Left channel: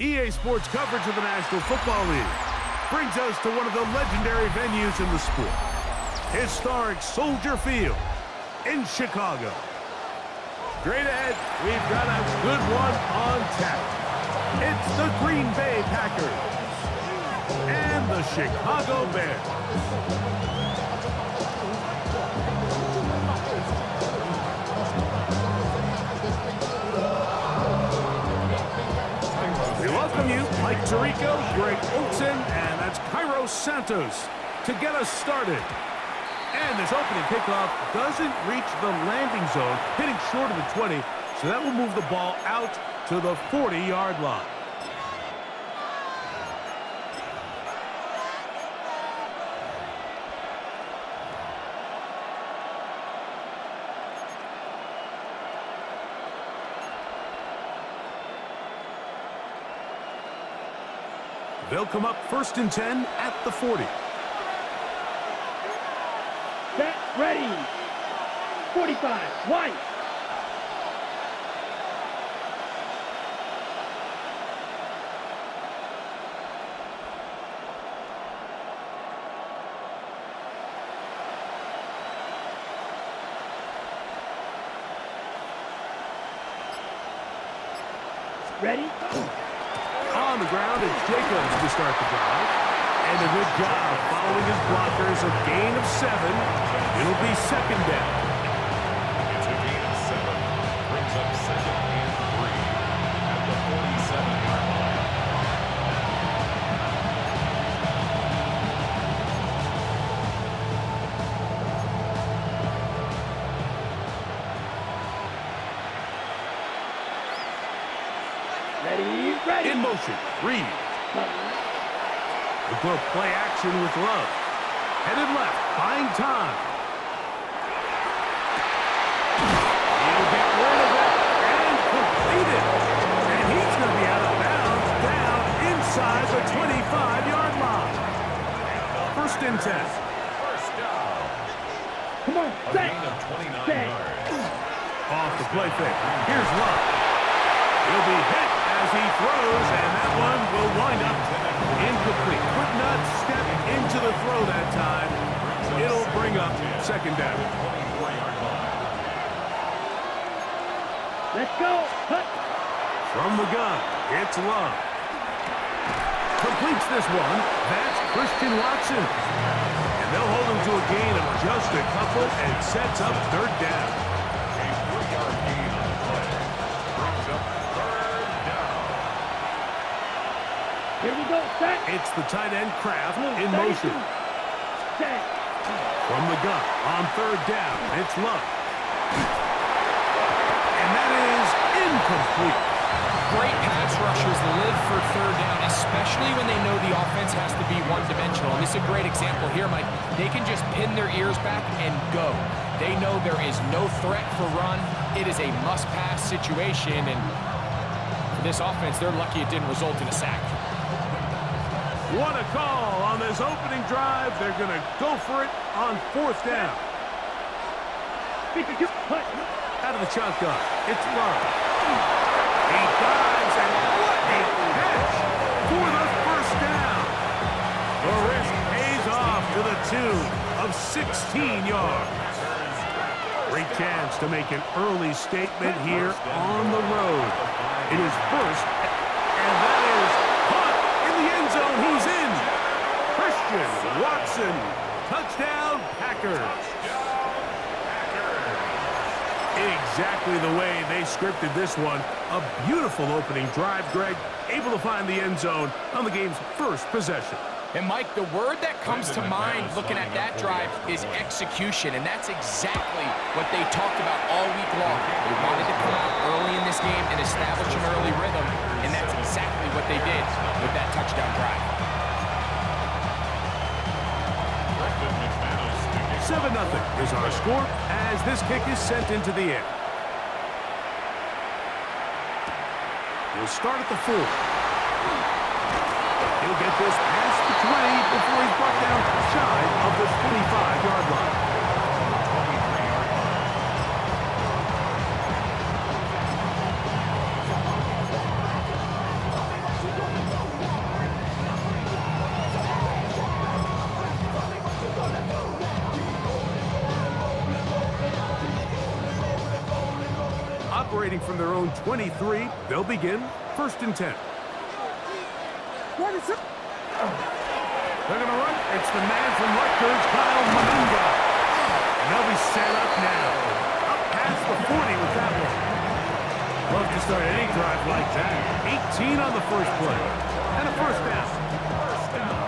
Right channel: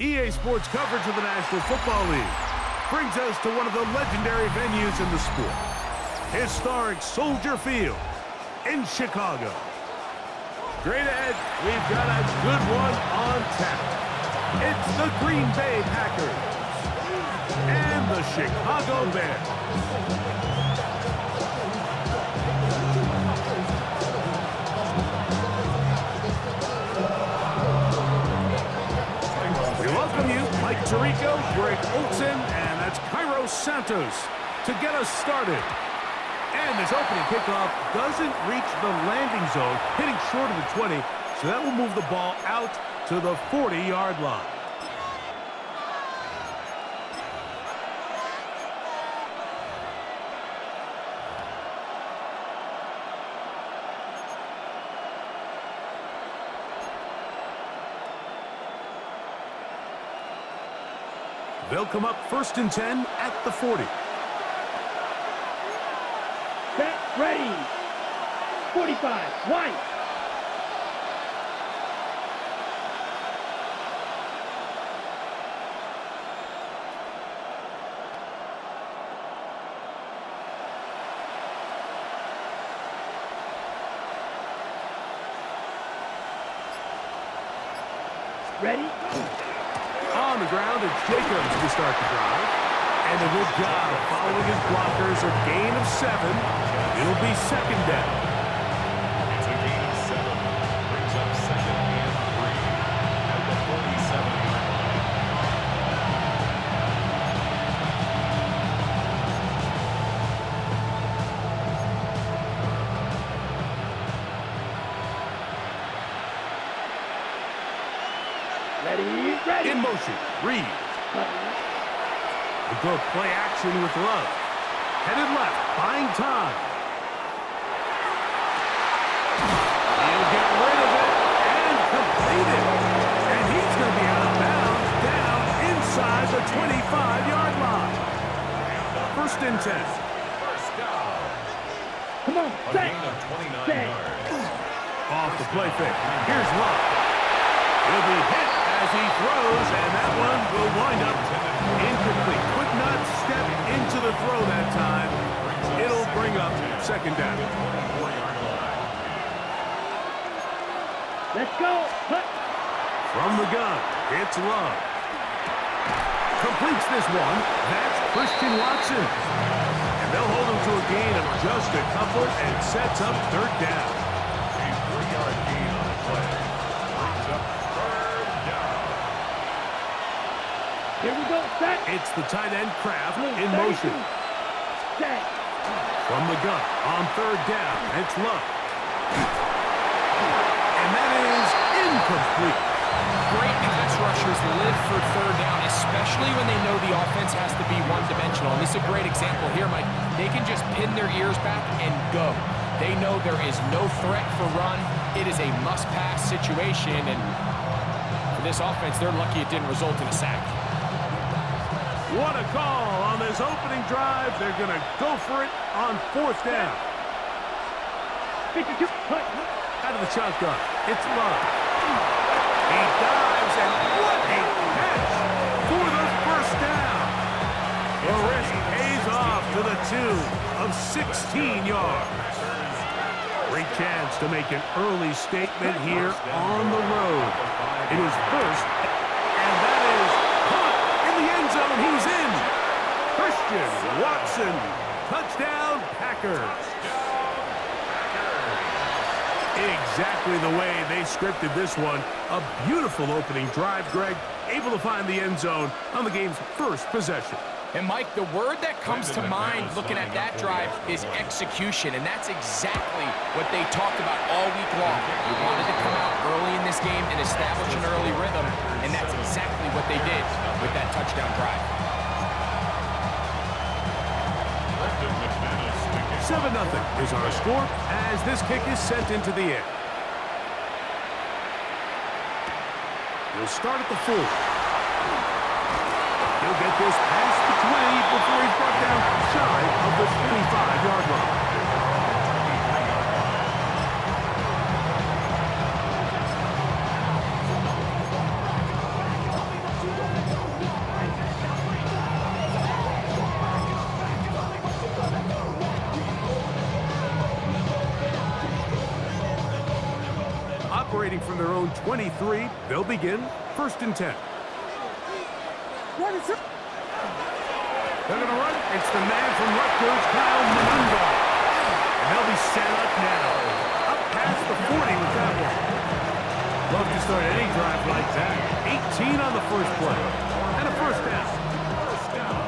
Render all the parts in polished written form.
EA Sports coverage of the National Football League brings us to one of the legendary venues in the sport, historic Soldier Field in Chicago. Straight ahead, we've got a good one on tap. It's the Green Bay Packers and the Chicago Bears. We welcome you, Mike Tirico, Greg Olson, and that's Cairo Santos to get us started. And this opening kickoff doesn't reach the landing zone, hitting short of the 20, so that will move the ball out to the 40-yard line. They'll come up 1st and 10 at the 40. Set, ready. 45, white. Ready? On the ground, it's Jacobs to start the drive. And a good job following his blockers, a gain of 7. It'll be 2nd down. It's a gain of 7. Brings up 2nd and 3 at the 47-yard line. Ready, ready. In motion, Reed. We'll go play action with Love. Headed left, buying time. He'll get rid of it and complete it. And he's going to be out of bounds down inside the 25-yard line. 1st and 10. First down. Come on, A set. gain of 29 Set. yards. Off the play fake. Here's Love. He'll be hit as he throws, and that one will wind up incomplete. Could not step into the throw that time. It'll bring up 2nd down. 24-yard line. Let's go. Cut. From the gun, it's Love. Completes this one. That's Christian Watson. And they'll hold him to a gain of just a couple and sets up 3rd down. A 3-yard gain on the play. Brings up 3rd down. Here we go, set. It's the tight end Kraft Blue, in 32. motion. Set. From the gun, on 3rd down, it's Love. And that is incomplete. Great pass rushers live for 3rd down, especially when they know the offense has to be one-dimensional. And this is a great example here, Mike. They can just pin their ears back and go. They know there is no threat for run. It is a must-pass situation, and for this offense, they're lucky it didn't result in a sack. What a call on this opening drive. They're going to go for it on 4th down. 52, cut. Out of the shotgun, it's Love. He dives, and what a catch for the 1st down. The risk pays off to the tune of 16 yards. Great chance to make an early statement here on the road. It is 1st, and that is caught in the end zone. He's in. Christian Watson, touchdown Packers. Exactly the way they scripted this one. A beautiful opening drive, Greg. Able to find the end zone on the game's 1st possession. And, Mike, the word that comes to mind looking at that drive is execution, and that's exactly what they talked about all week long. They wanted to come out early in this game and establish an early rhythm, and that's exactly what they did with that touchdown drive. 7-0 is our score as this kick is sent into the air. He'll start at the 4. He'll get this past the 20 before he's brought down shy of the 25-yard line. 23-yard line. operating from their own 23. They'll begin 1st and 10. What is it? They're going to run. It's the man from Rutgers, Kyle Manunga. And they'll be set up now. Up past the 40 with that one. Love to start any drive like that. 18 on the first play. And a 1st down.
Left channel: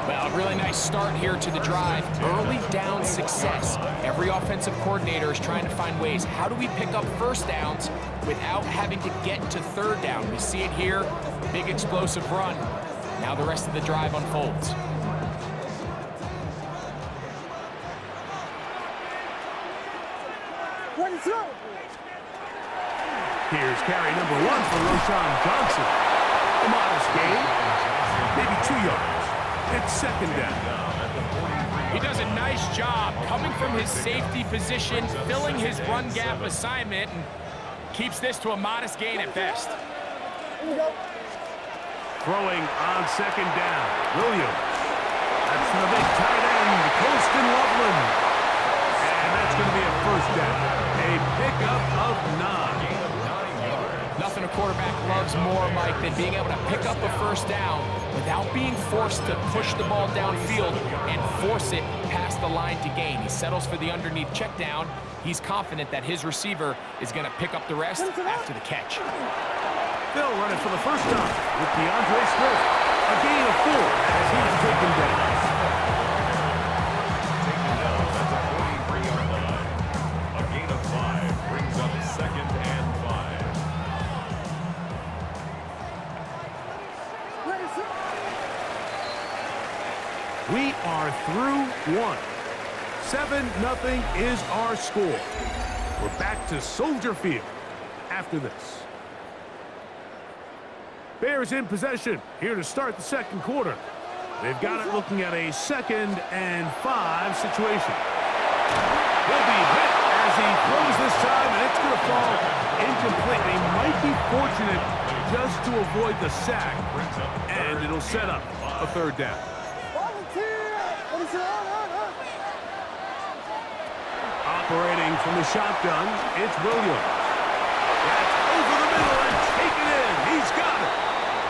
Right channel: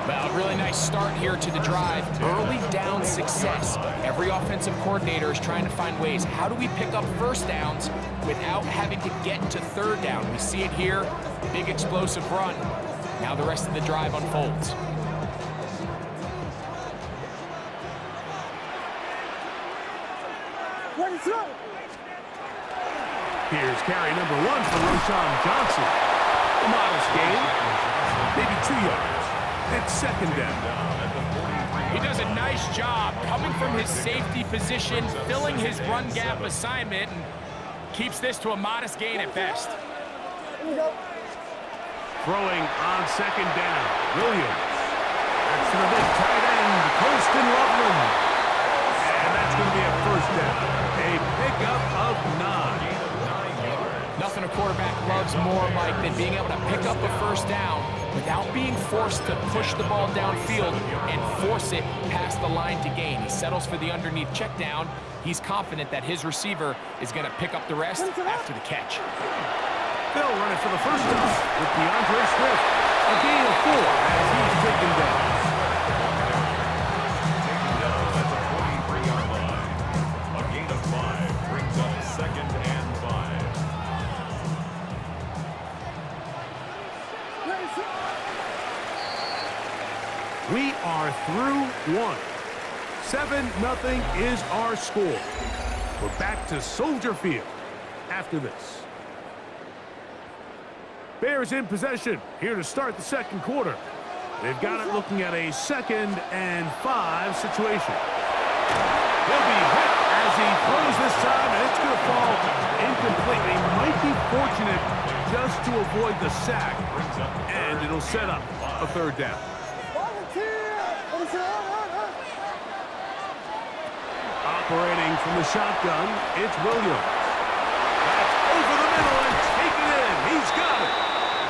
Well, a really nice start here to the drive. Early down success. Every offensive coordinator is trying to find ways. How do we pick up 1st downs without having to get to 3rd down? We see it here. Big explosive run. Now the rest of the drive unfolds. What is up? Here's carry number 1 for Roshan Johnson. A modest gain, maybe 2 yards. It's 2nd down. He does a nice job coming from his safety position, filling his run gap assignment, and keeps this to a modest gain at best. Throwing on 2nd down, Williams. That's to the big tight end, Colston Loveland. And that's going to be a 1st down. A pickup of 9. Nothing a quarterback loves more, Mike, than being able to pick up a 1st down without being forced to push the ball downfield and force it past the line to gain. He settles for the underneath check down. He's confident that his receiver is going to pick up the rest after the catch. They'll run it for the 1st time with DeAndre Swift. A gain of 4 as he's taken down. Taken down at the 43-yard line. A gain of 5 brings up 2nd and 5. We are through 1. 7-0 is our score. We're back to Soldier Field after this. Bears in possession here to start the 2nd quarter. They've got it looking at a 2nd and 5 situation. He'll be hit as he throws this time, and it's going to fall incomplete. They might be fortunate just to avoid the sack, and it'll set up a 3rd down. Operating from the shotgun, it's Williams. That's over the middle and taken in. He's got it.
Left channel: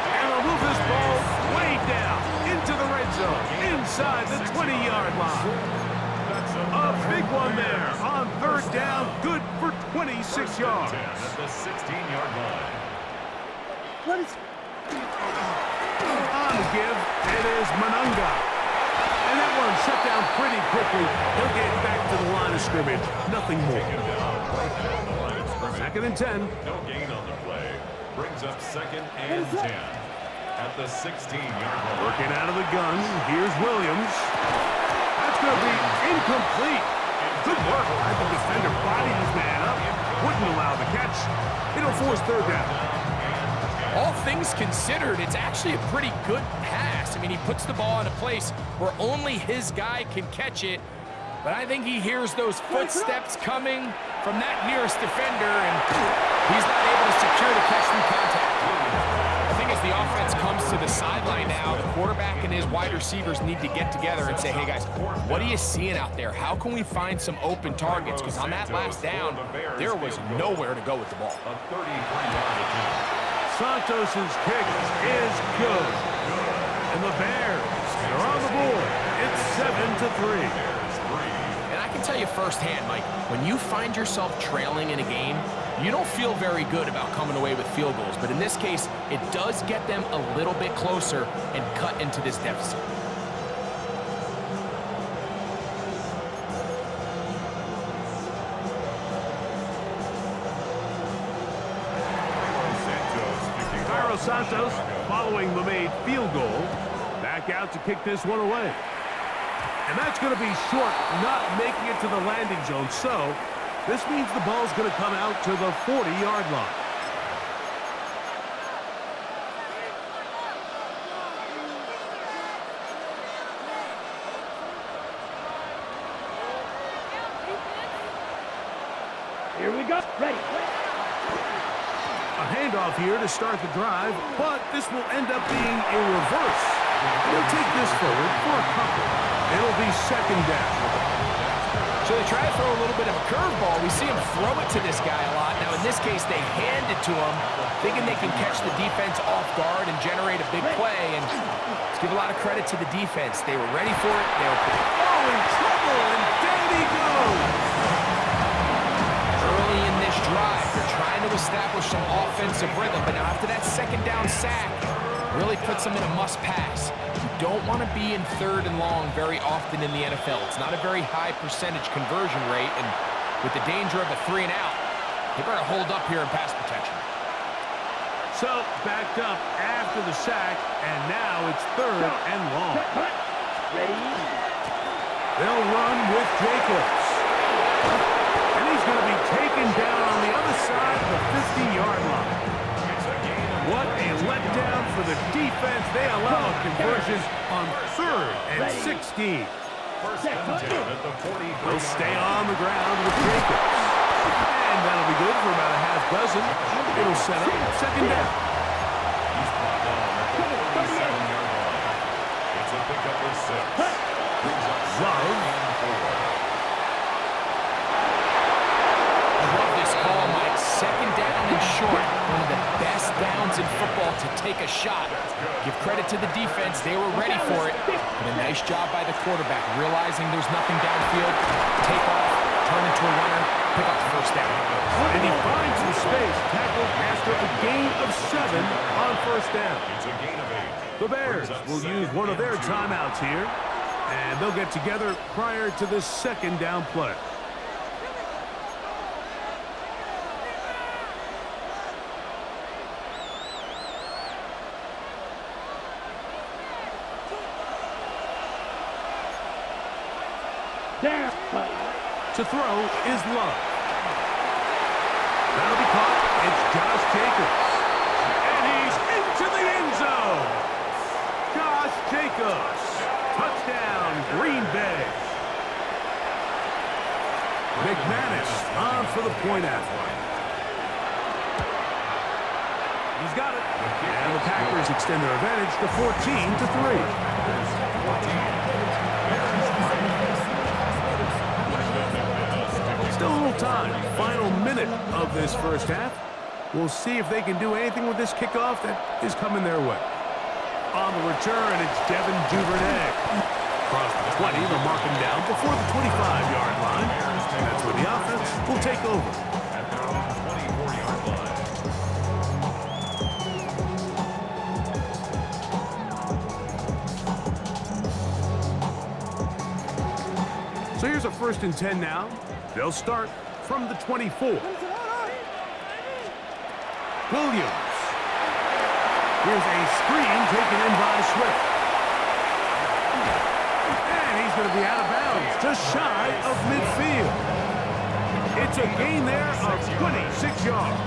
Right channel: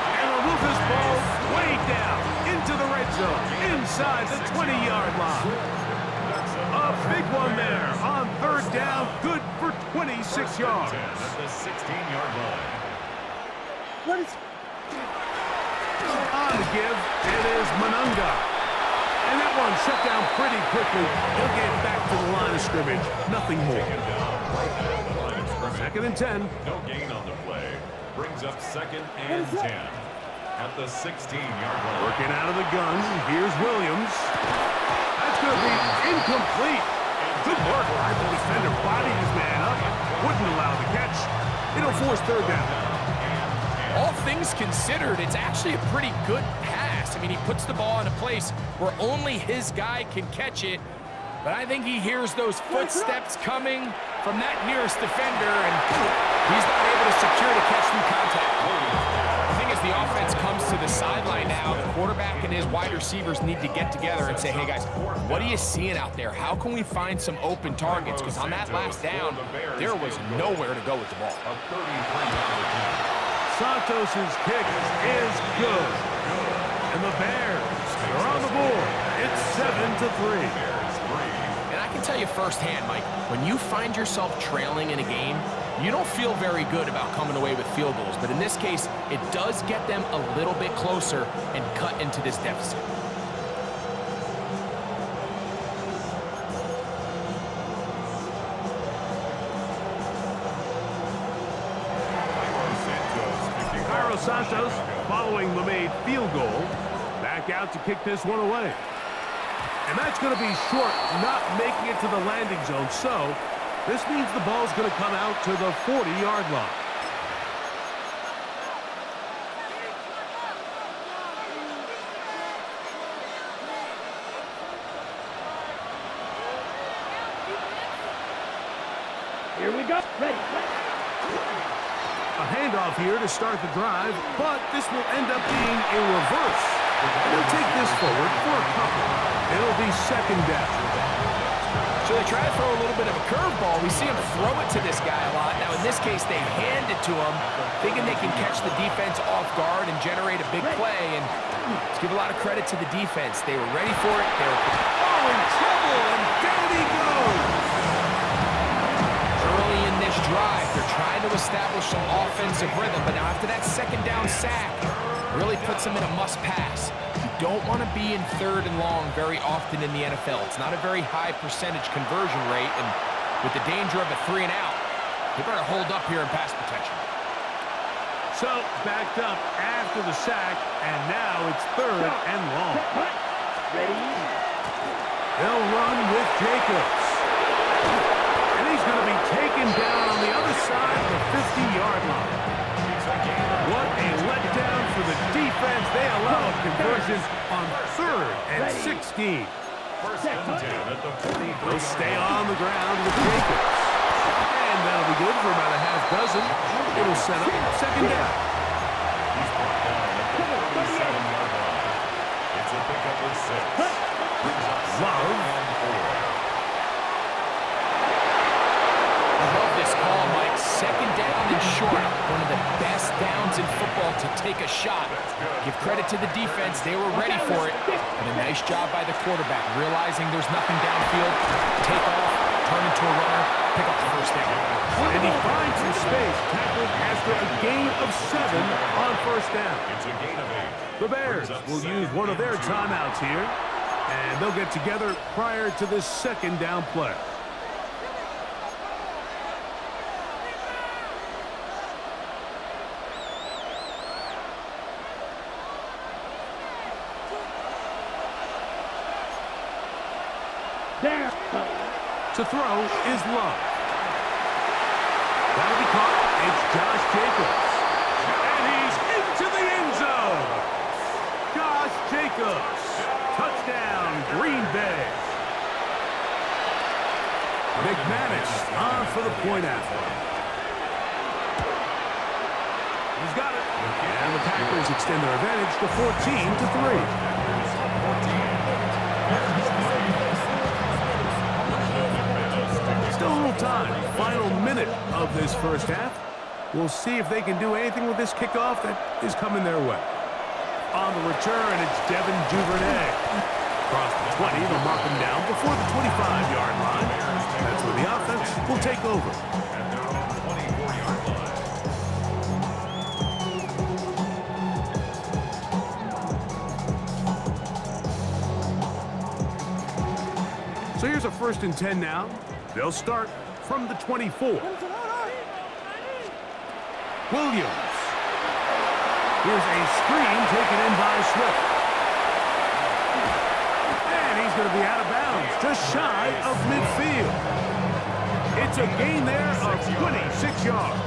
And he'll move this ball way down into the red zone, inside the 20-yard line. A big one there on 3rd down, good for 26 yards. At the 16-yard line. What is... On the give, it is Manunga. And that one shut down pretty quickly. He'll get back to the line of scrimmage. Nothing more. 2nd and 10. No gain on the play. Brings up 2nd and 10. At the 16-yard line. Working out of the gun. Here's Williams. That's going to be incomplete. Good work by the defender. Bodied his man up. Wouldn't allow the catch. It'll force 3rd down. All things considered, it's actually a pretty good pass. I mean, he puts the ball in a place where only his guy can catch it. But I think he hears those footsteps coming from that nearest defender, and he's not able to secure the catch through contact. I think as the offense comes to the sideline now, the quarterback and his wide receivers need to get together and say, hey, guys, what are you seeing out there? How can we find some open targets? Because on that last down, there was nowhere to go with the ball. A 33-yard attempt. Santos' kick is good. And the Bears are on the board. It's 7-3. And I can tell you firsthand, Mike, when you find yourself trailing in a game, you don't feel very good about coming away with field goals. But in this case, it does get them a little bit closer and cut into this deficit. Santos, following the made field goal, back out to kick this one away. And that's going to be short, not making it to the landing zone. So this means the ball's going to come out to the 40-yard line. Here we go. Ready. A handoff here to start the drive, but this will end up being a reverse. And he'll take this forward for a couple. It'll be 2nd down. So they try to throw a little bit of a curveball. We see him throw it to this guy a lot. Now, in this case, they hand it to him, thinking they can catch the defense off guard and generate a big play. And let's give a lot of credit to the defense. They were ready for it. They were in trouble, and down he goes. early in this drive. They're trying to establish some offensive rhythm. But now after that second down sack, really puts them in a must-pass. You don't want to be in 3rd and long very often in the NFL. It's not a very high percentage conversion rate, and with the danger of a 3 and out, they better hold up here in pass protection. So, backed up after the sack, and now it's 3rd and long. Ready? They'll run with Jacobs. And he's going to be taken down on the other side of the 50-yard line. What a letdown for the defense. They allow a conversion on 3rd and 16. First and 10 at the 40. They'll stay on the ground with Jacobs. And that'll be good for about a half dozen. It'll set up 2nd down. He's brought down at the 37-yard line. It's a pickup of 6. Brings up Love. 2nd and 4. I love this call, Mike. 2nd down and short. One of the best downs in football to take a shot. Give credit to the defense. They were ready for it. But a nice job by the quarterback, realizing there's nothing downfield. Take off, turn into a runner, pick up the 1st down. And he finds some space, tackled after a gain of 7 on 1st down. It's a gain of 8. The Bears will use one of their timeouts here. And they'll get together prior to this 2nd down play. Down. To throw is Love. That'll be caught. It's Josh Jacobs. And he's into the end zone. Josh Jacobs. Touchdown, Green Bay. McManus on for the point after. He's got it. And the Packers extend their advantage to 14-3. Still a little time. Final minute of this 1st half. We'll see if they can do anything with this kickoff that is coming their way. On the return, it's Devin Duvernay. Across the 20, they'll mark him down before the 25-yard line. That's where the offense will take over. At their own 24-yard line. So here's a 1st and 10 now. They'll start from the 24. Williams. Here's a screen taken in by Swift. And he's going to be out of bounds, just shy of midfield. It's a gain there of 26 yards.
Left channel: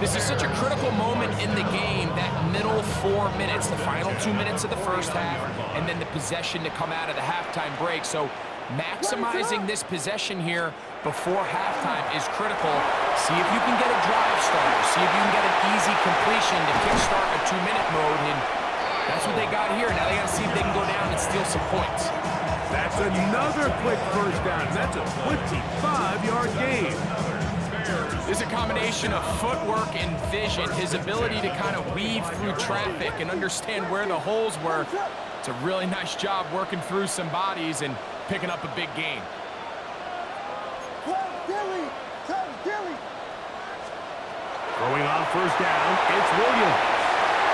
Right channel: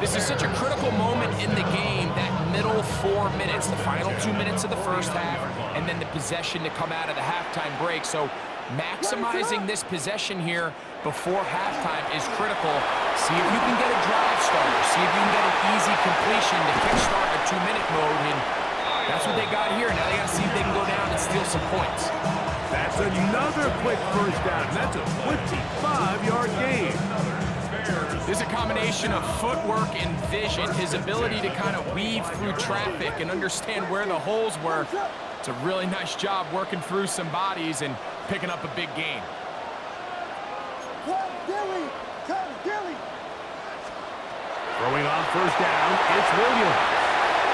This is such a critical moment in the game, that middle 4 minutes, the final 2 minutes of the 1st half, and then the possession to come out of the halftime break. So maximizing this possession here before halftime is critical. See if you can get a drive starter. See if you can get an easy completion to kickstart a 2-minute mode, and that's what they got here. Now they got to see if they can go down and steal some points. That's another quick 1st down. That's a 25-yard gain. There's a combination of footwork and vision, his ability to kind of weave through traffic and understand where the holes were. It's a really nice job working through some bodies and picking up a big gain. Throwing on 1st down, it's Williams.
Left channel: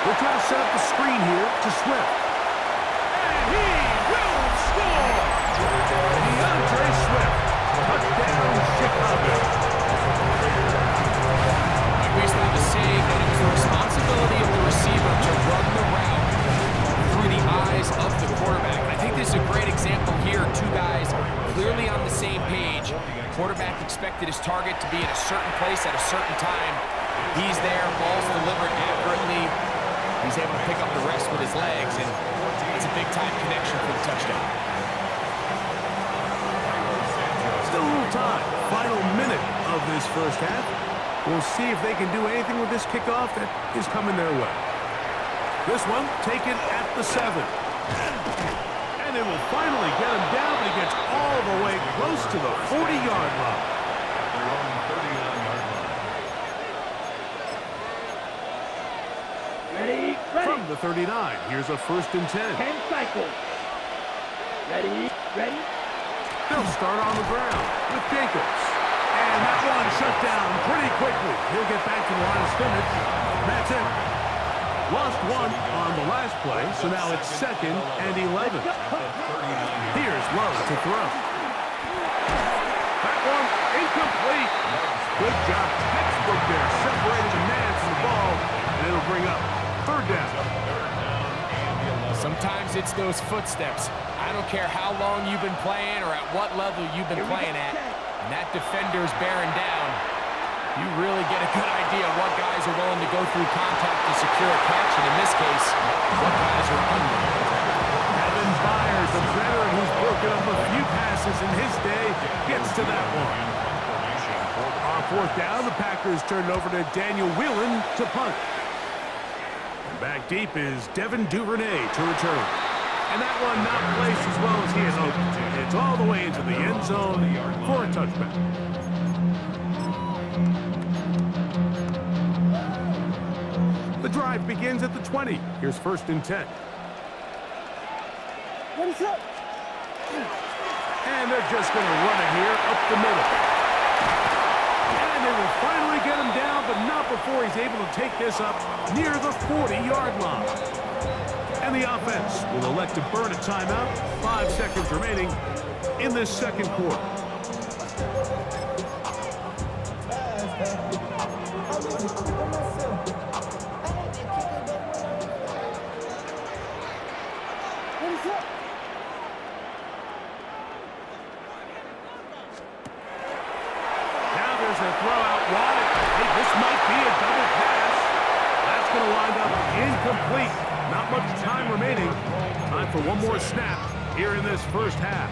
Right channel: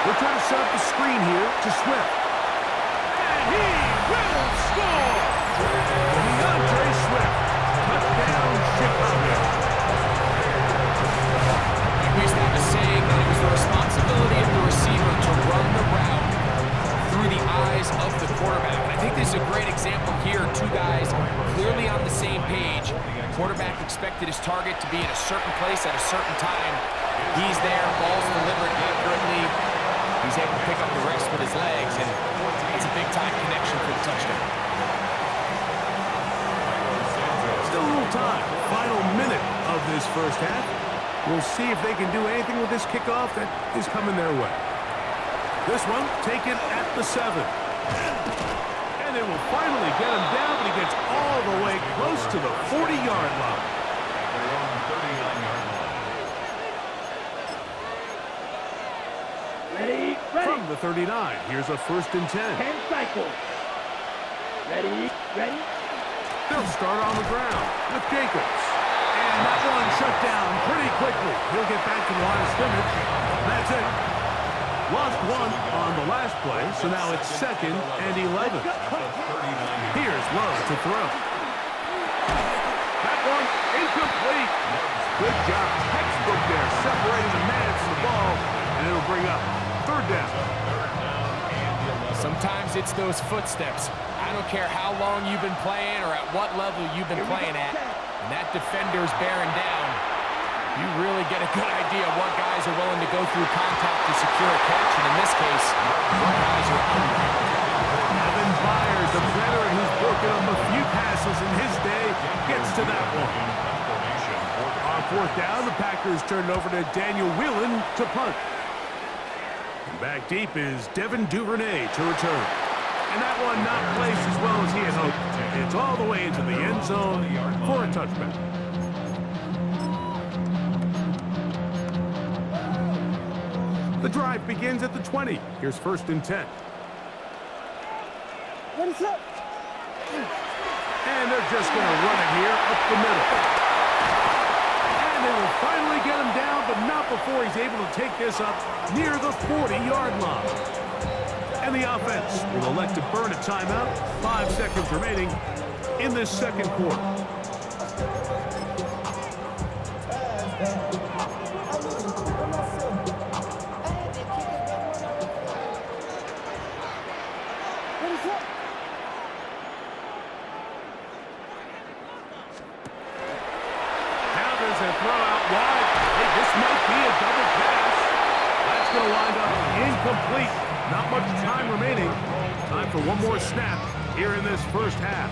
They're trying to set up the screen here to Swift. And he will score! DeAndre Swift. Touchdown, Chicago. We used to have a saying that it was the responsibility of the receiver to run the route through the eyes of the quarterback. And I think this is a great example here. 2 guys clearly on the same page. Quarterback expected his target to be at a certain place at a certain time. He's there, ball's delivered accurately. He's able to pick up the rest with his legs, and it's a big-time connection for the touchdown. Still a little time. Final minute of this 1st half. We'll see if they can do anything with this kickoff that is coming their way. This one taken at the 7. And And they will finally get him down, but he gets all the way close to the 40-yard line. At their own 39-yard line. Ready? From the 39, here's a 1st and 10. 10 cycles. Ready? They'll start on the ground with Jacobs. And that one shut down pretty quickly. He'll get back to the line of scrimmage. That's it. Lost one on the last play, so now it's 2nd and 11. Here's Lowe to throw. That one incomplete. Good job. Textbook there. Separating the man from the ball, and it'll bring up 3rd down. Sometimes it's those footsteps. I don't care how long you've been playing or at what level you've been playing at. And that defender's bearing down. You really get a good idea of what guys are willing to go through contact to secure a catch, and in this case, what guys are unwilling. Evan Byard, the veteran who's broken up a few passes in his day, gets to that one. On 4th down, the Packers turn it over to Daniel Whelan to punt. And back deep is Devin Duvernay to return. And that one not placed as well as he had hoped. It's all the way into the end zone for a touchback. The drive begins at the 20. Here's 1st and 10. What is up? And they're just going to run it here up the middle. And they will finally get him down, but not before he's able to take this up near the 40-yard line. And the offense will elect to burn a timeout. 5 seconds remaining in this 2nd quarter. Now there's a throw out wide. Hey, this might be a double pass. That's going to wind up incomplete. Not much time remaining. Time for one more snap here in this 1st half.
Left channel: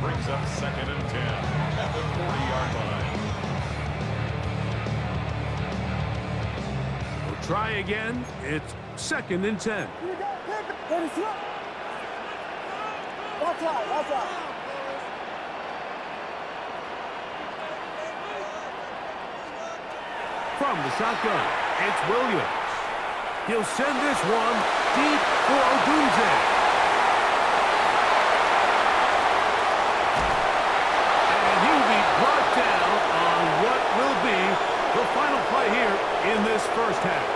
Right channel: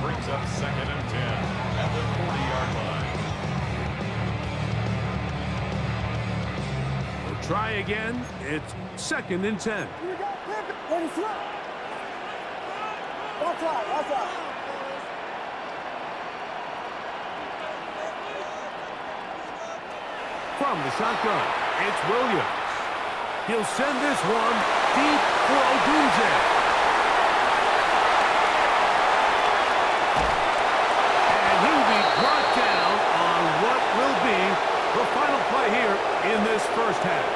Brings up 2nd and 10 at the 40-yard line. We'll try again. It's 2nd and 10. Here we go. Ready, slow. Watch out. From the shotgun, it's Williams. He'll send this one deep for Odunze. And he'll be brought down on what will be the final play here in this 1st half.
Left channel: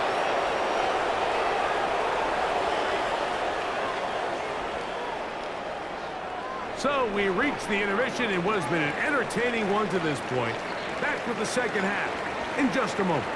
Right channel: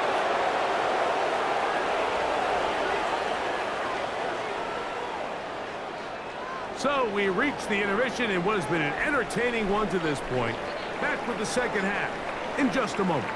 So we reach the intermission in what has been an entertaining one to this point. Back with the 2nd half in just a moment.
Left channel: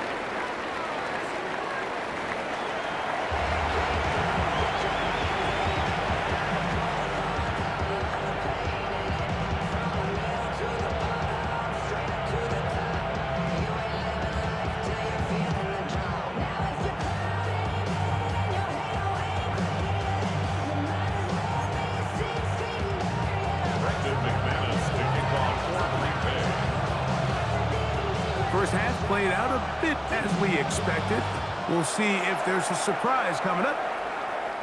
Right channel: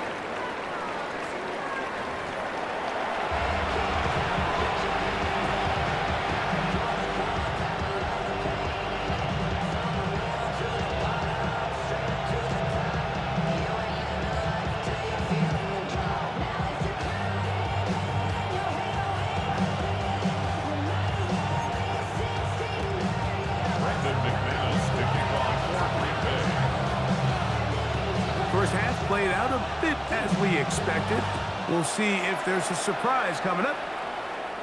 First half played out a bit as we expected. We'll see if there's a surprise coming up.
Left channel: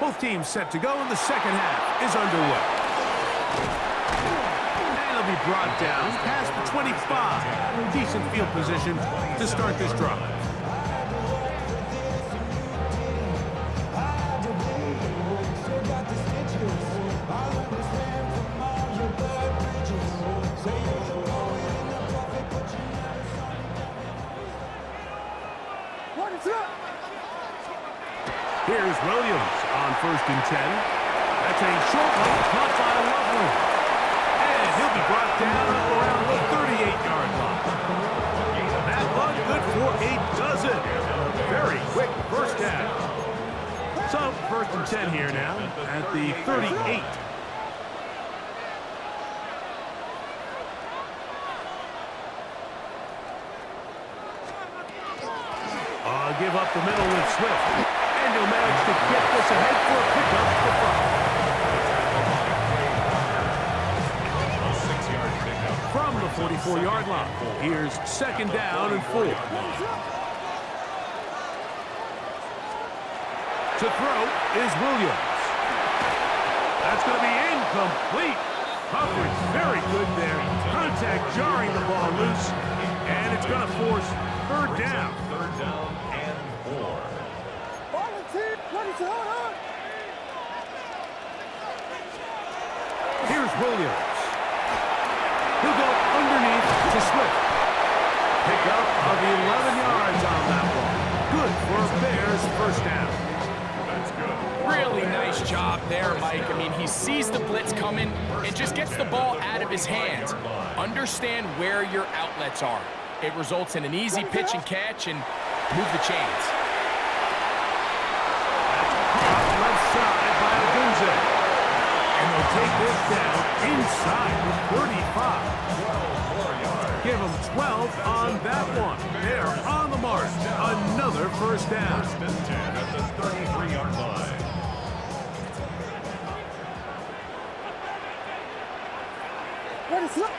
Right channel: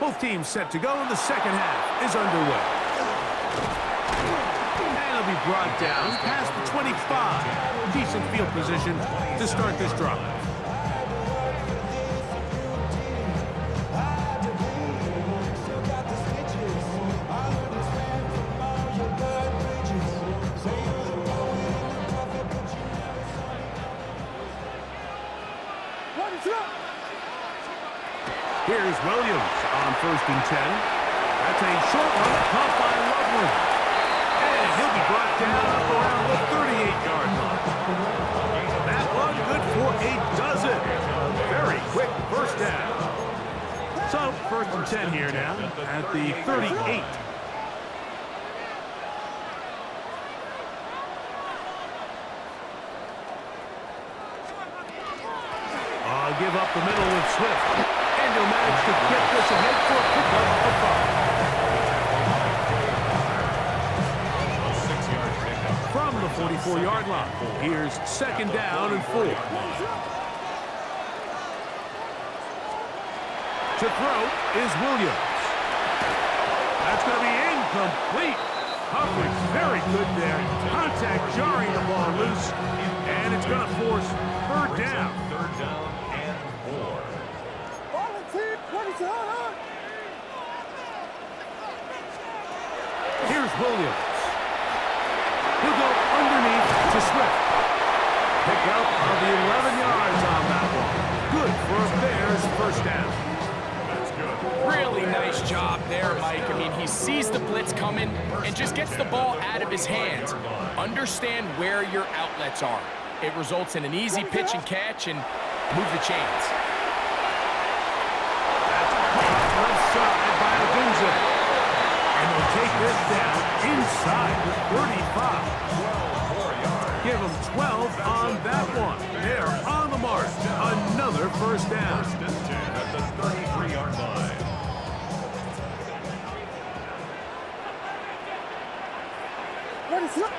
Both teams set to go, and the 2nd half is underway. And it'll be brought down past the 25. Decent field position to start this drive. Here's Williams on 1st and 10. That's a short one caught by Loveland. And he'll be brought down up around the 38-yard line. That one good for a dozen. A very quick 1st down. So 1st and 10 here now at the 38. Give up the middle with Swift. And he'll manage to get this ahead for a pickup of 5. From the 44-yard line, here's 2nd down and 4. To throw is Williams. That's going to be incomplete. Coverage very good there. Contact jarring the ball loose. And it's going to force third down. Third down and 4. Volunteer. What is going on? Here's Williams. He'll go underneath to Swift. Pick up of the 11 yards on that one. Good for a Bears first down. That's good. Really nice job there, Mike. I mean, he sees the blitz coming and just gets the ball out of his hands. Understand where your outlets are. It results in an easy pitch and catch and move the chains. That's caught left side by Odunze. And they'll take this down inside the 35. 12 more yards. Give them 12 on that one. They're on the mark. Another first down. First and 10 at the 33-yard line. What is up?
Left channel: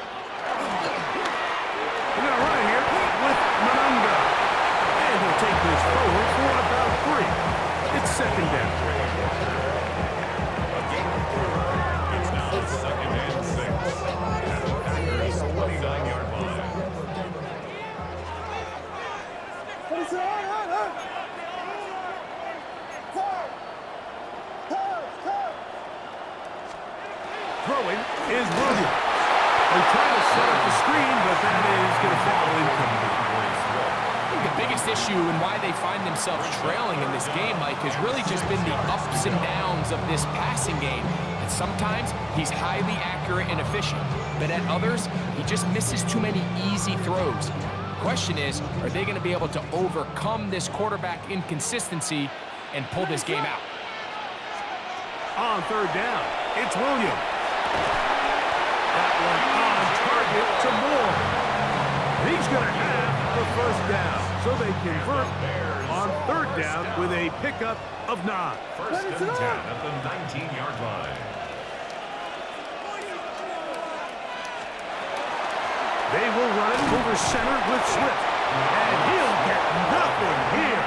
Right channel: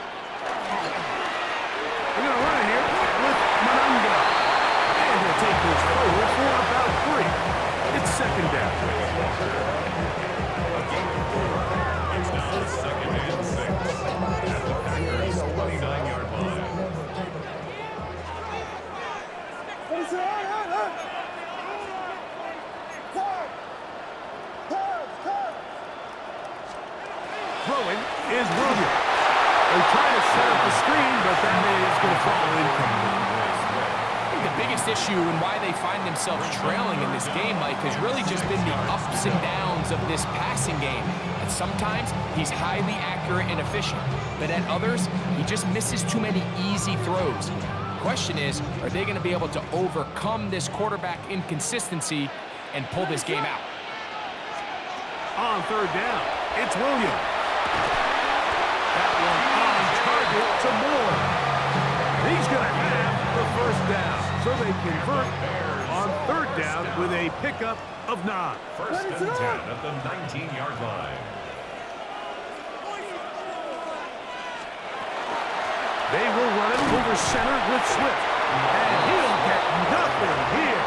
We're going to run it here with Manunga. And he'll take this forward for about 3. It's second down. A gain of 4. It's now second and 6 at the Packers' 29-yard line. What is going on? Time. Throwing is Williams. They're trying to set up the screen, but that is going to fall incomplete. I think the biggest issue and why they find themselves trailing in this game, Mike, has really just been the ups and downs of this passing game. And sometimes he's highly accurate and efficient, but at others, he just misses too many easy throws. Question is, are they going to be able to overcome this quarterback inconsistency and pull this game out? On third down, it's Williams. That one on target to Moore. And he's going to have the first down. So they convert on third down with a pickup of 9. First and 10 at the 19-yard line. They will run it over center with Swift. And he'll get nothing here.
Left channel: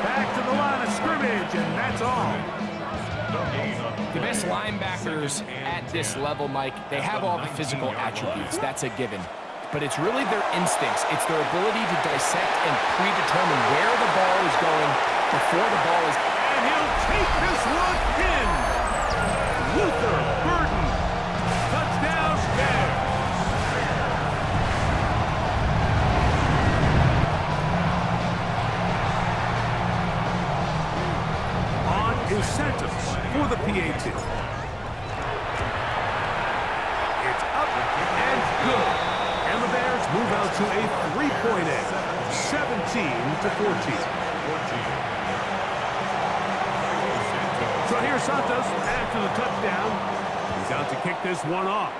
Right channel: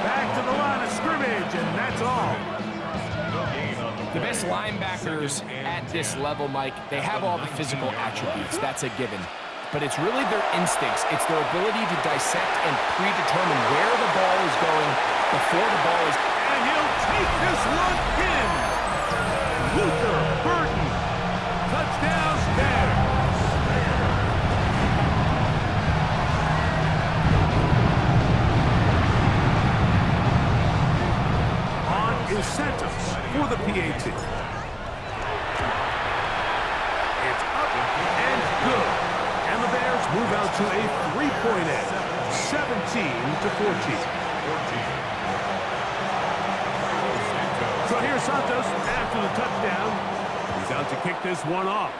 Back to the line of scrimmage, and that's all. No gain on the The best linebackers at this level, Mike, they have all the physical attributes. That's a given. But it's really their instincts. It's their ability to dissect and predetermine where the ball is going before the ball is. And he'll take this one in. Luther Burden. Touchdown, Bears. On incentives for the PAT. It's up and good. And the Bears move out to a 3-point edge, 17-14. So here's Santos after the touchdown. He's out to kick this one off.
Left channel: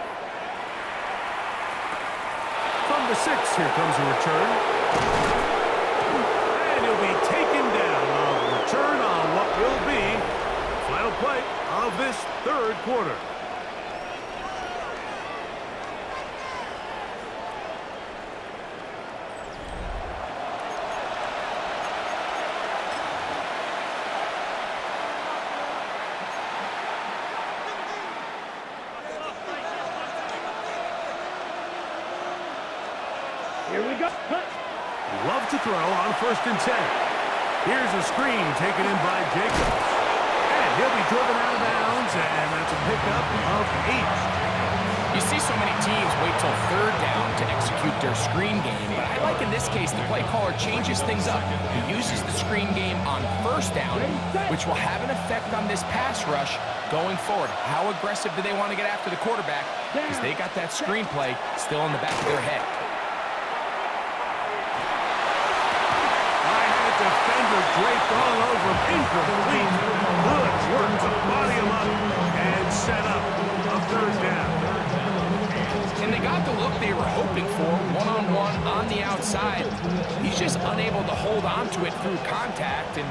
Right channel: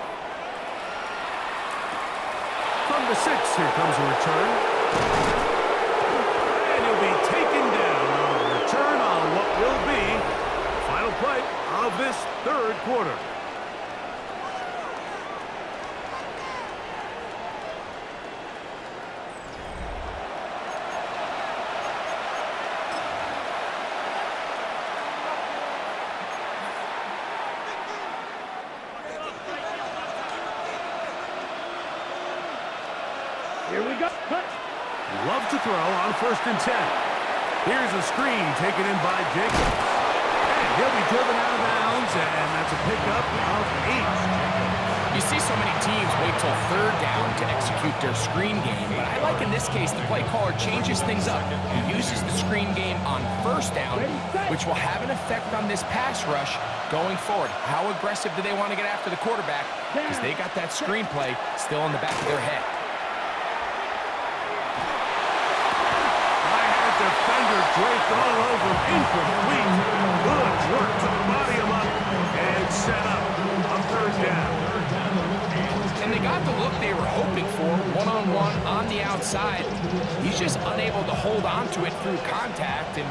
From the 6, here comes a return. And he'll be taken down on the return on what will be the final play of this third quarter. Here we go. Cut. Love to throw on first and 10. Here's a screen taken in by Jacobs. And he'll be driven out of bounds, and that's a pickup of 8. You see so many teams wait till third down to execute their screen game, but I like in this case the play caller changes things up. He uses the screen game on first down, which will have an effect on this pass rush going forward. How aggressive do they want to get after the quarterback? Because they got that screen play still in the back of their head. Defender draped all over him. Incomplete. Good work to body him up and set up a third down. And they got the look they were hoping for, one-on-one on the outside. He's just unable to hold on to it through contact, and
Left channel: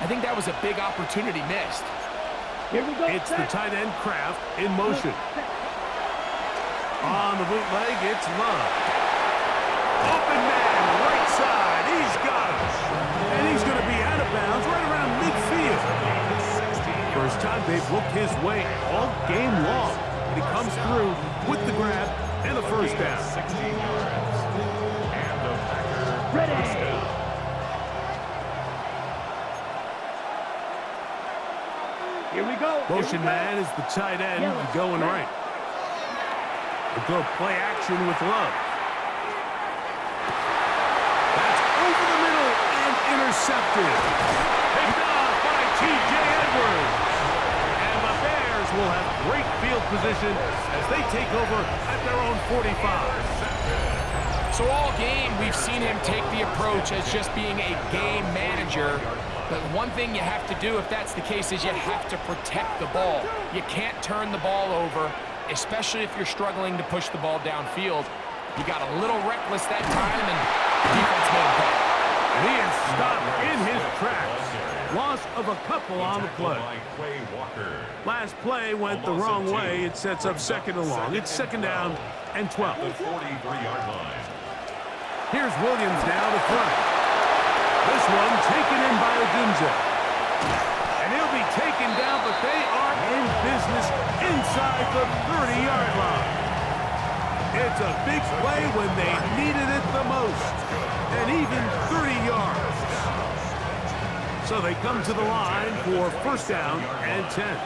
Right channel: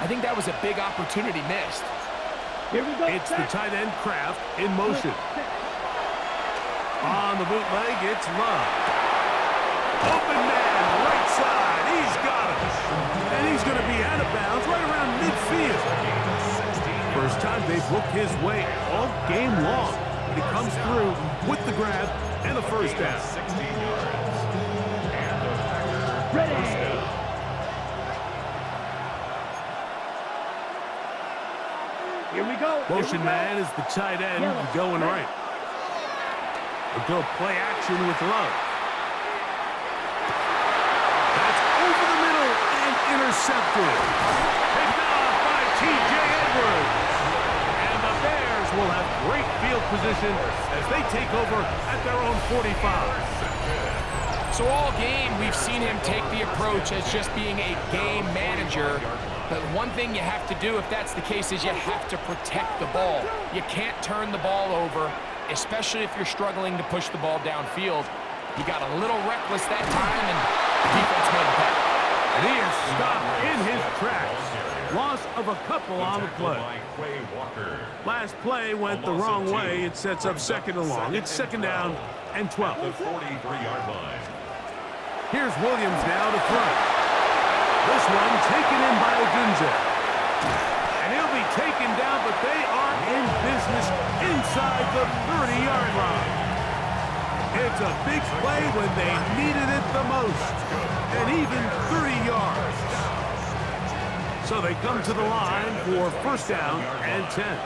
I think that was a big opportunity missed. Here we go. It's the tight end Kraft in motion. On the bootleg, it's Love. Open man, right side. He's got it. And he's going to be out of bounds right around midfield. First time they've looked his way all game long, but he comes through with the grab and a first down. 16 yards. And a Packer Ready. first down. Here we go. Motion man is the tight end going right. They'll go play action with Love. That's over the middle and intercepted. Picked off by T.J. Edwards. And the Bears will have great field position as they take over at their own 45. So all game, we've seen him take the approach as just being a game manager. But one thing you have to do if that's the case is you have to protect the ball. You can't turn the ball over, especially if you're struggling to push the ball downfield. He got a little reckless that time, and the defense made him pay. And he is stopped in his tracks. Loss of a couple on the play. Last play went the wrong way. It sets up second and long. It's second down and 12. The 43-yard line. Here's Williams now to throw. This one taken in by Odunze. And he'll be taken down, but they are in business inside the 30-yard line. It's a big play when they needed it the most. And even 30 yards. So they come to the line for first down and 10.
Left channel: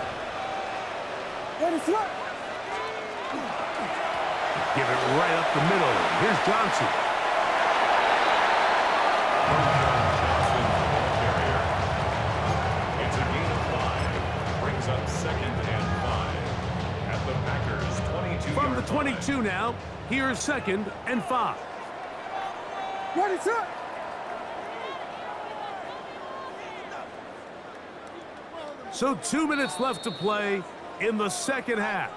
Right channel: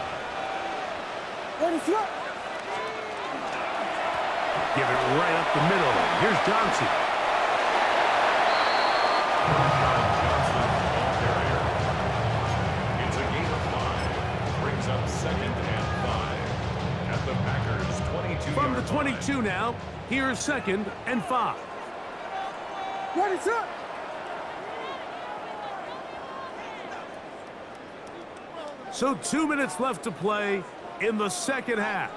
Give it right up the middle. Here's Johnson. Johnson, the ball carrier. It's a gain of 5. Brings up second and 5 at the Packers' 22-yard From the line. 22 now, here's second and 5. What is up? So 2 minutes left to play in the second half.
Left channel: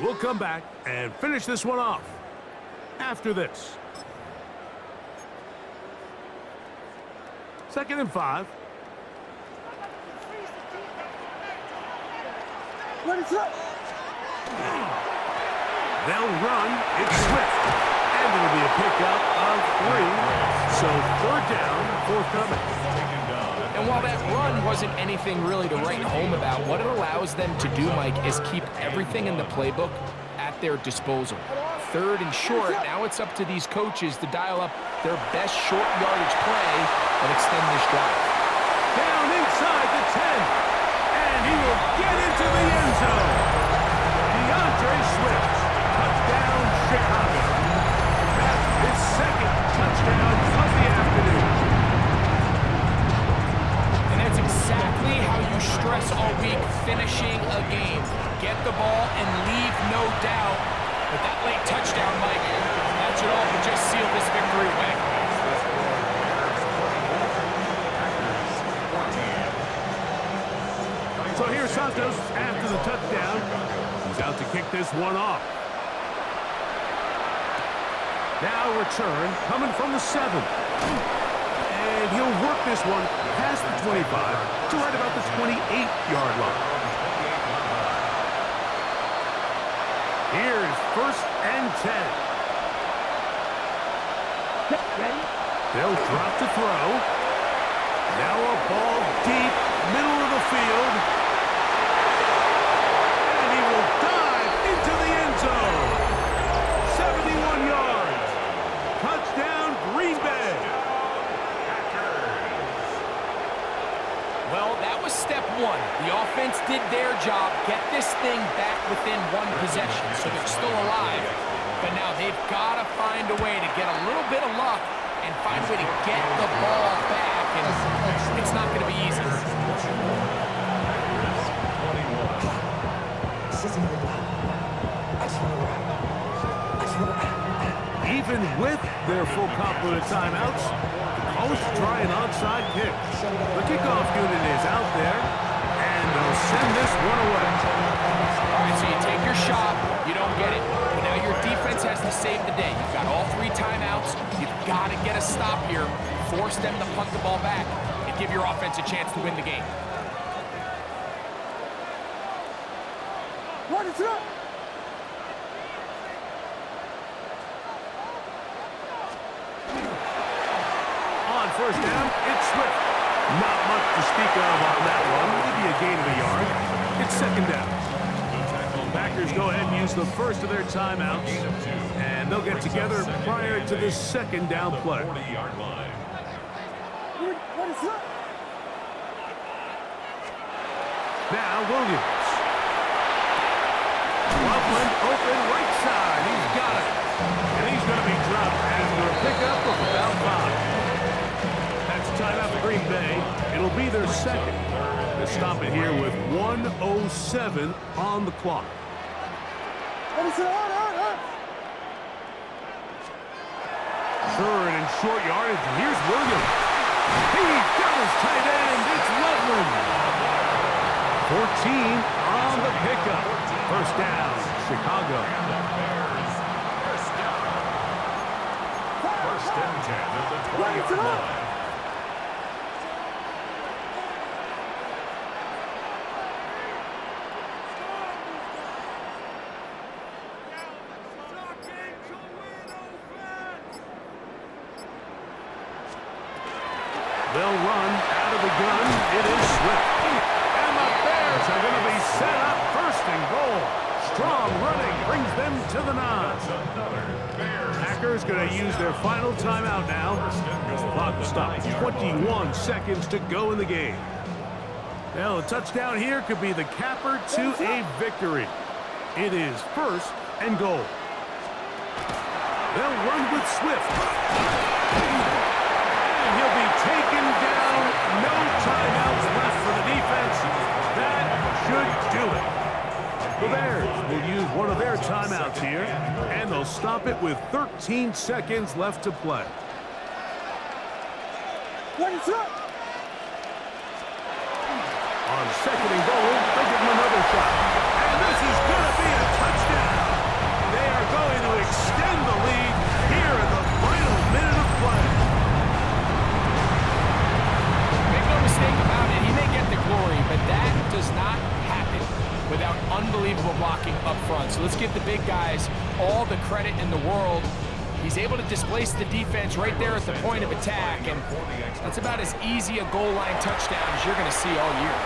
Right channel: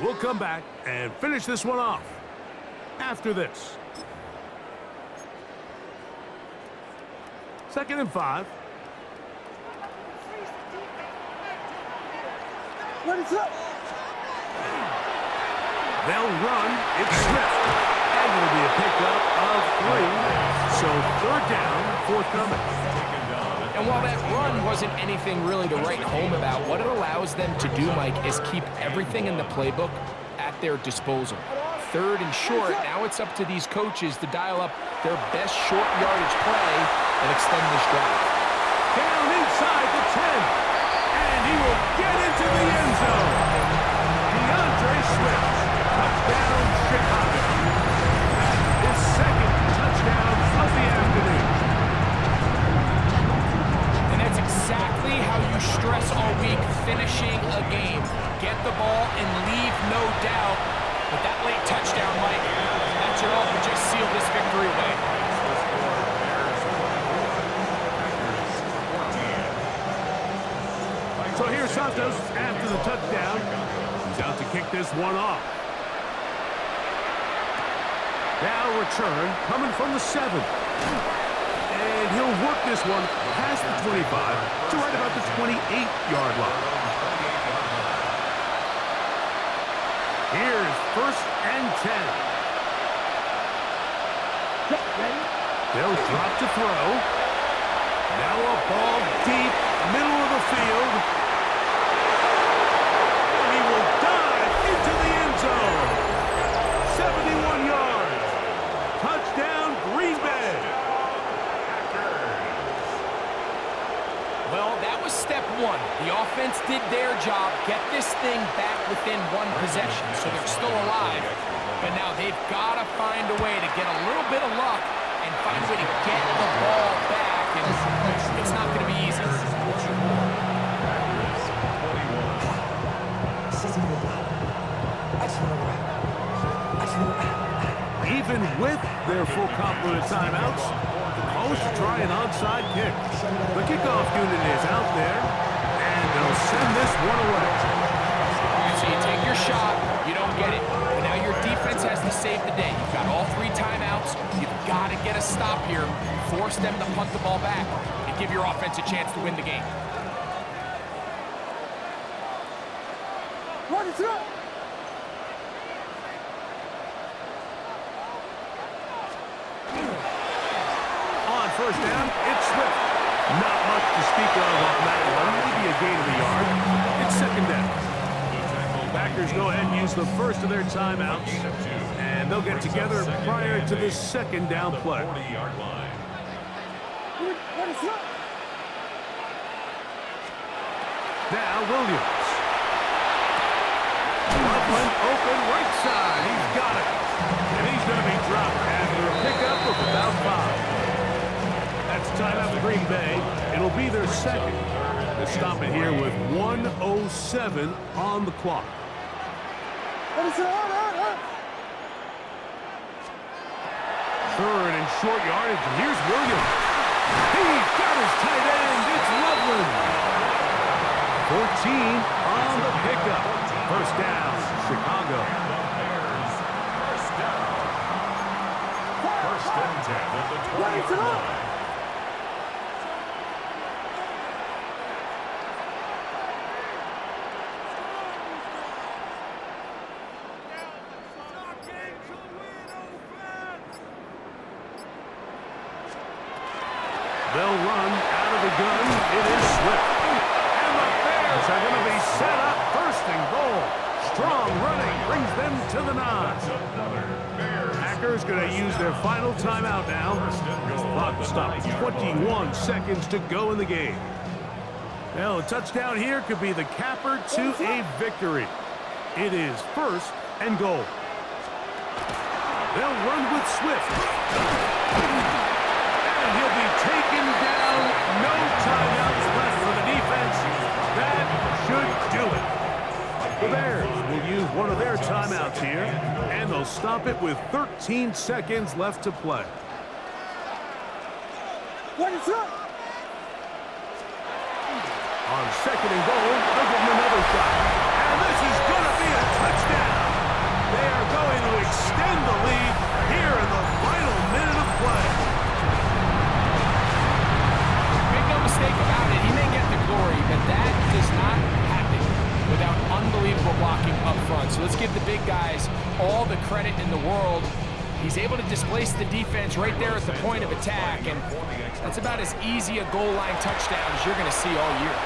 We'll come back and finish this one off after this. Second and 5. What is up? They'll run. It's Swift. And it'll be a pickup of 3. So third down, forthcoming. And while that run wasn't anything really to write home about, what it allows them to do, Mike, is keep everything in the playbook at their disposal. Third and short, now it's up to these coaches to dial up their best short yardage play and extend this drive. Down inside the 10. And he will get into the end zone. DeAndre Swift. Touchdown, Chicago. That's his second touchdown of the afternoon. And that's exactly how you stress all week, finishing a game. Get the ball and leave no doubt. But that late touchdown, Mike, that should all but just seal this victory away. So here's Santos after the touchdown. He's out to kick this one off. Now return coming from the 7. And he'll work this one past the 25 to right about the 28-yard line. Here's first and 10. Ready? They'll drop to throw. Now a ball deep, middle of the field. And he will dive into the end zone. 71 yards. Touchdown, Green Bay. Well, that was step one. The offense did their job, get this thing back within one possession, so they're still alive. But now they've got to find a way to get a little bit of luck and find a way to get the ball back, and it's not going to be easy. Even with their full complement of timeouts, the Colts try an onside kick. The kickoff unit is out there, and they'll send this one away. All right, so you take your shot, you don't get it. But now your defense has to save the day. You've got all 3 timeouts. You've got to get a stop here, force them to punt the ball back, and give your offense a chance to win the game. What is up? On first down, it's Swift. Not much to speak of on that one. Maybe a gain of a yard. second down. The tackle by Packers go ahead and use the first of their timeouts, gain of 2. and they'll get Brings up together second prior and to the 8 second down at the play. 40-yard line. What is up? Now Williams. Loveland open right side. He's got it. And he's going to be dropped after a pickup of about 5. That's timeout for Green Bay. It'll be their second. To stop it here with 1:07 on the clock. What is it? Third and short yardage. And here's Williams. He's got his tight end. It's Loveland. 14 on the pickup. First down, Chicago. And the Bears, first down. First and 10 at the 20-yard line. They'll run out of the gun. It is Swift. And the Bears are going to be set up first and goal. Strong running brings them to the 9. That's another Bears. Packers going to use their final timeout now. First and goal. Clock will stop. 21 seconds to go in the game. Well, a touchdown here could be the capper to a victory. It is first and goal. They'll run with Swift. And he'll be taken down. No timeouts left for the defense. That should do it. The Bears will use one of their timeouts here, and they'll stop it with 13 seconds left to play. What is up? On second and goal, they'll give him another shot. And this is going to be a touchdown. They are going to extend the lead here in the final minute of play. Make no mistake about it, he may get the glory, but that does not happen without unbelievable blocking up front. So let's give the big guys all the credit in the world. He's able to displace the defense right there at the point of attack, and that's about as easy a goal line touchdown as you're going to see all year.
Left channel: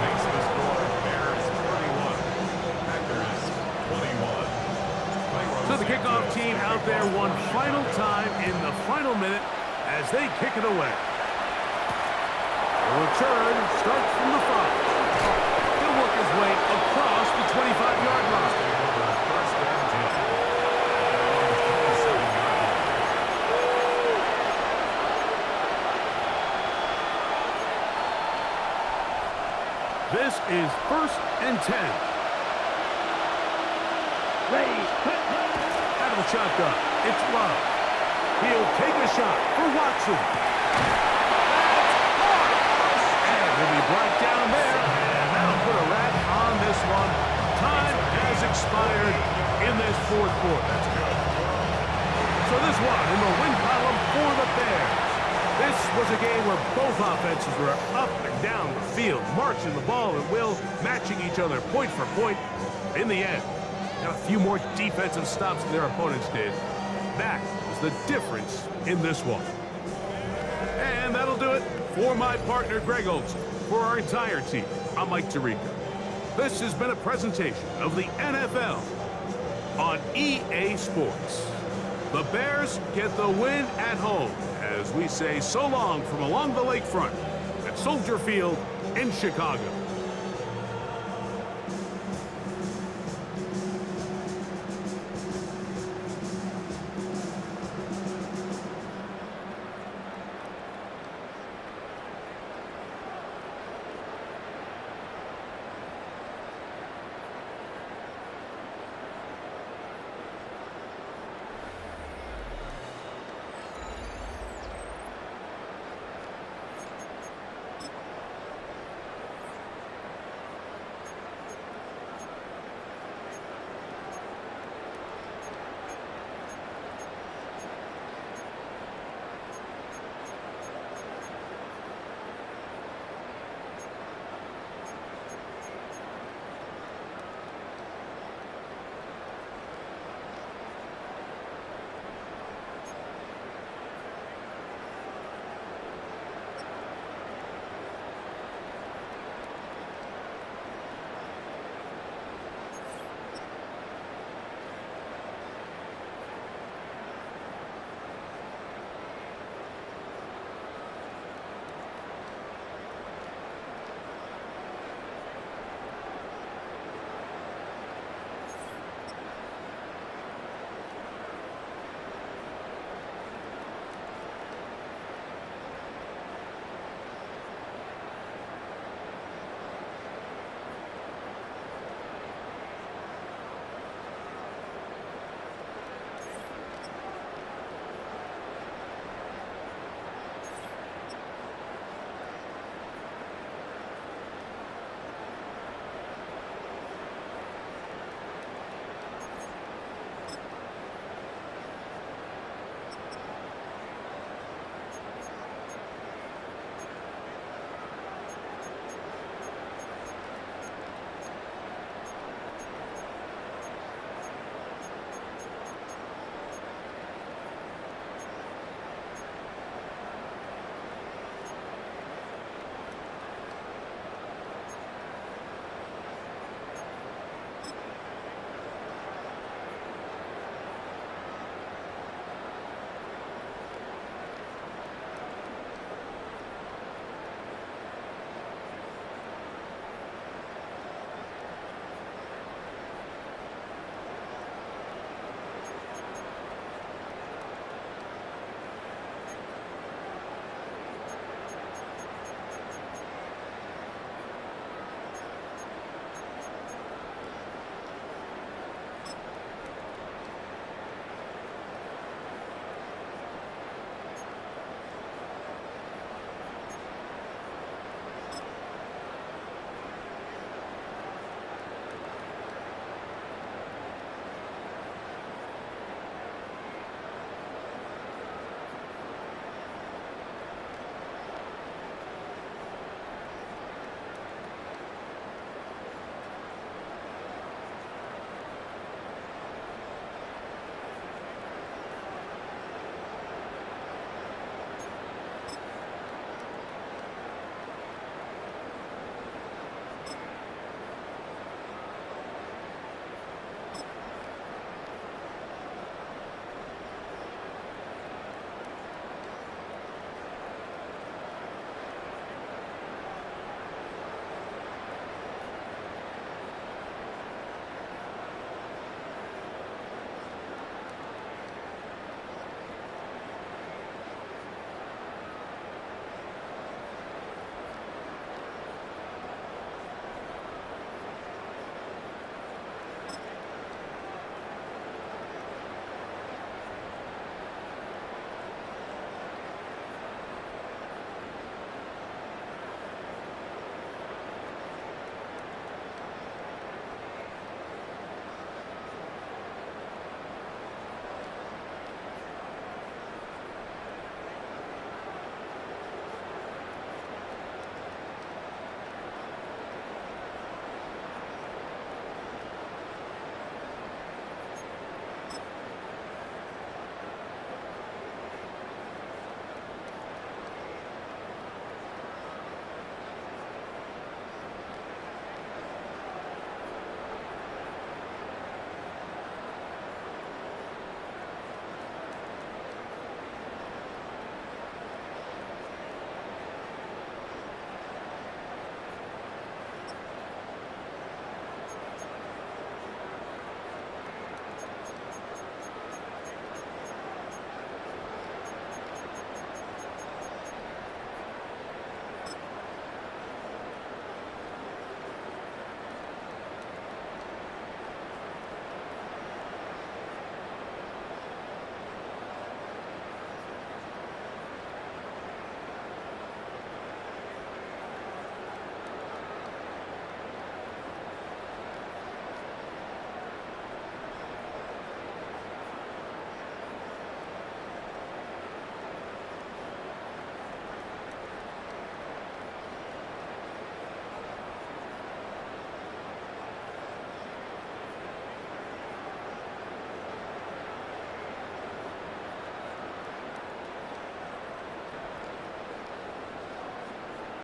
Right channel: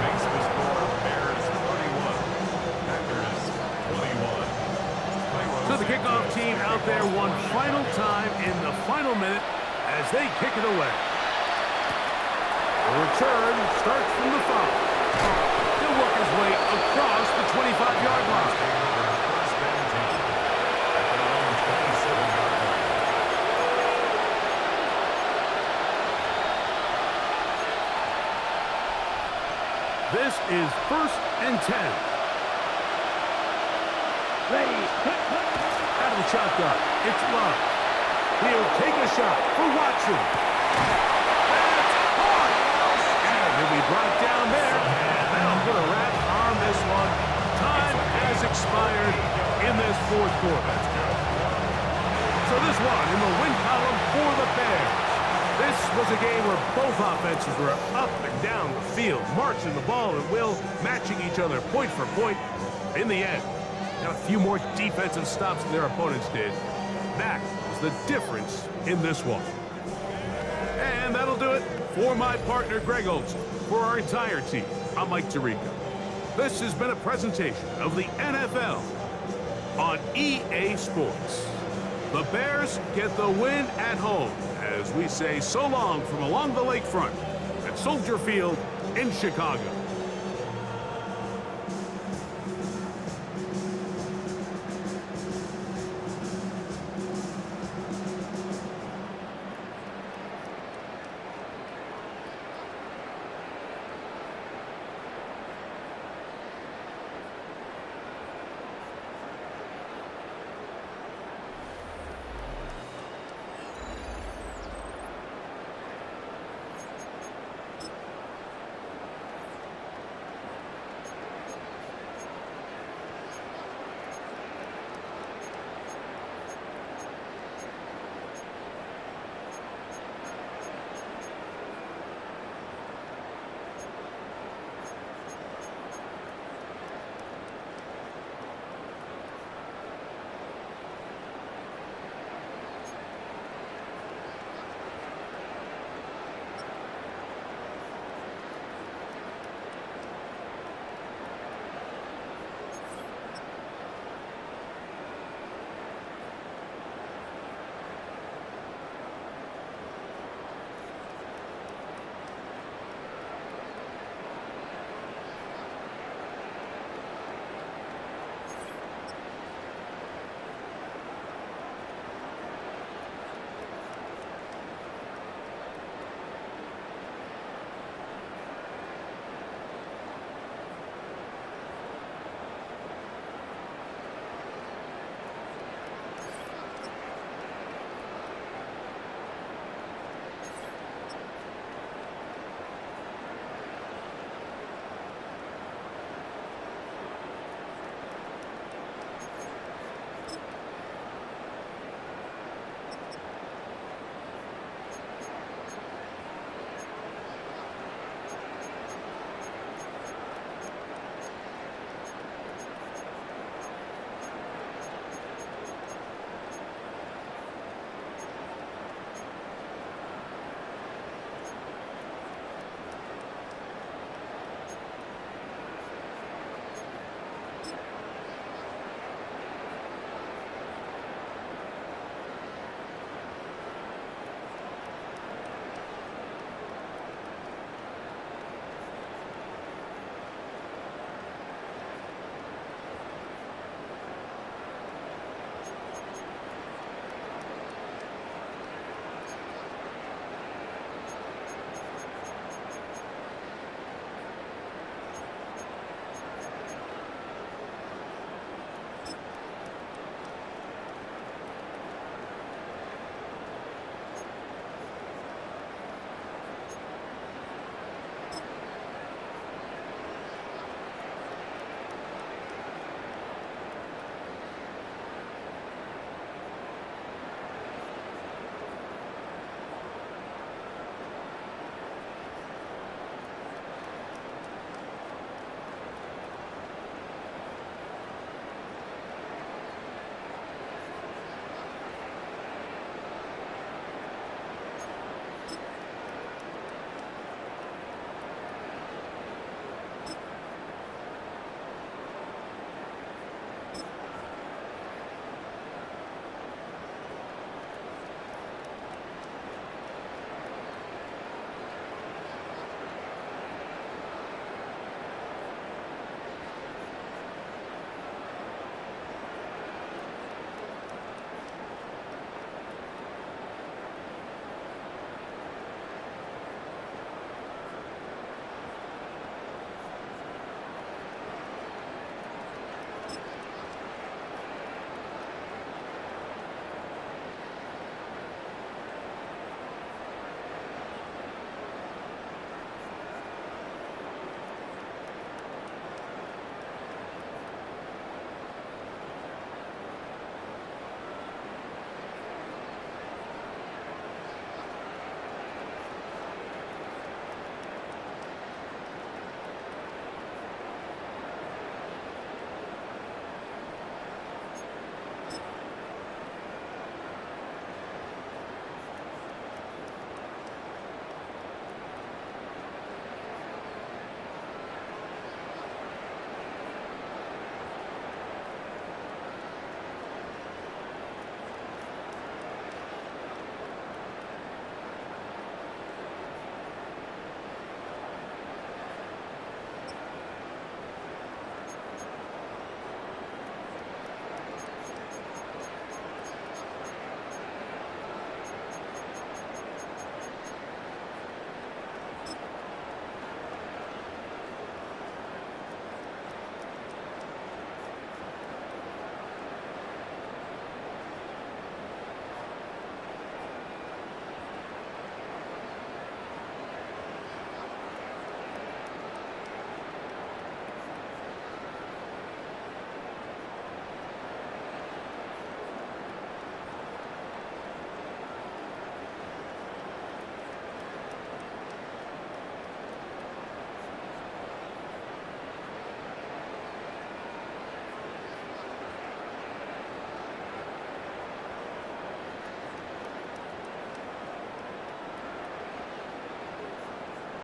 Makes the score Bears 31, Packers 21. So the kickoff team out there one final time in the final minute as they kick it away. The return starts from the 5. He'll work his way across the 25-yard line. Take over first and 10 at their own 27-yard line. This is first and 10. Ready. Out of the shotgun, it's Love. He'll take a shot for Watson. That's caught. And he'll be brought down there, and that'll put a wrap on this one. Time has expired in this fourth quarter. That's good. So this one in the win column for the Bears. This was a game where both offenses were up and down the field, marching the ball at will, matching each other point for point. In the end, got a few more defensive stops than their opponents did. That was the difference in this one. And that'll do it for my partner, Greg Olson. For our entire team, I'm Mike Tirico. This has been a presentation of the NFL on EA Sports. The Bears get the win at home as we say so long from along the lakefront at Soldier Field in Chicago.